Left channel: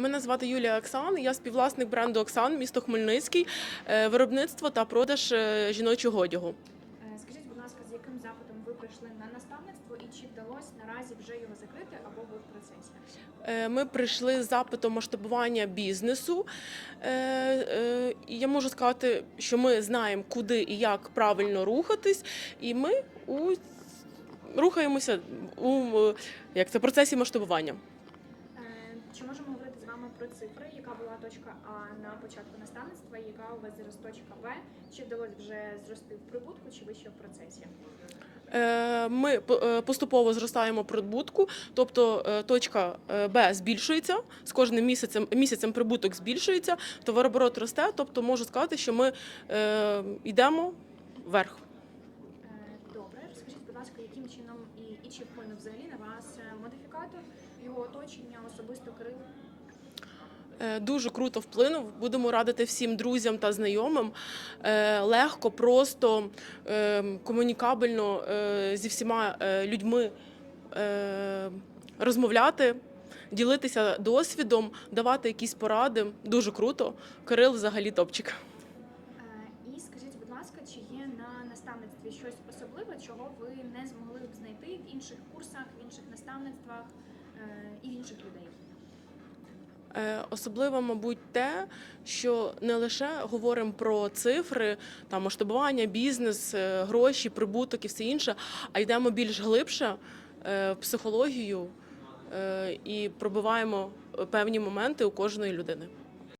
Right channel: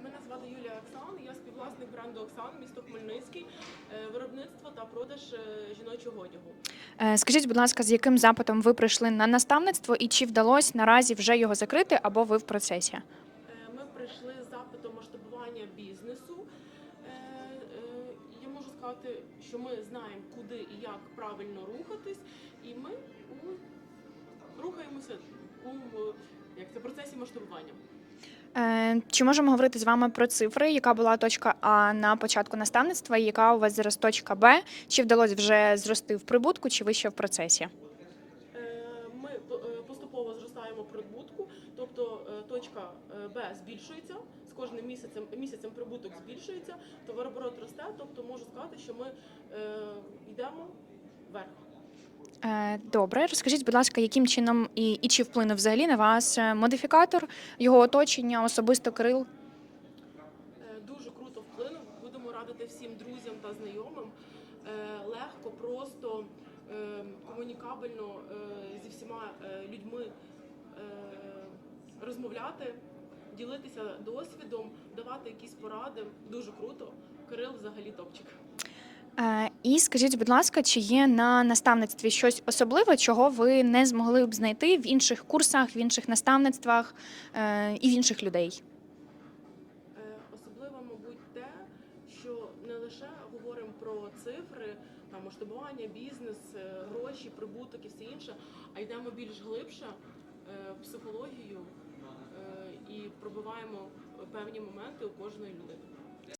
Мене звати Юлія Оксан. Я співвласник бренду Оксан, місто Хмельницький, е, виробництво та продаж е, жіночого одягу. Е, Скажіть, будь ласка, з яким запитом ви прийшли на наставництво і чи вдалося наразі вже його закрити або ви в процесі? Ми прийшли з запитом масштабування бізнесу. Я можу сказати, що ми знаємо, куди і як правильно рухатись, і ми у рухаємося у як це процесі масштабування. Е, Чи можемо говорити з вами про цифри, яка була точка А на початку наставництва, і яка у вас зараз точка Б? Чи вдалося вже зрости в прибутку, чи ви ще в процесі? Е, Ми е, поступово зростаємо прибутку, тобто точка Б збільшується з кожним місяцем. Місяцем прибуток збільшується, товарооборот росте. Тобто можу сказати, що ми йдемо вверх. Е, Добре, розкажіть, будь ласка, яким чином і, і чи вплинув взагалі на вас е, модифікатор, його оточення, особисто Кирил? Е, Дуже круто вплинув. Будемо радити всім друзям та знайомим легко, просто комунікабельно зі всіма людьми розмовляти, ділитися досвідом, давати якісь поради. Дуже круто. Кирил взагалі топчик. Е, І скажіть, будь ласка, чи є на наставництві щось особливе, чого ви не змогли б знайти в інших курсах, в інших наставництвах е, і в інших людей? Е, Особливо, мабуть, те, що не лише говоримо про цифри, там масштабування, бізнес, гроші, прибуток і все інше, а йдемо більш глибше в психологію і пробиваємо певні моменти у кожної людини.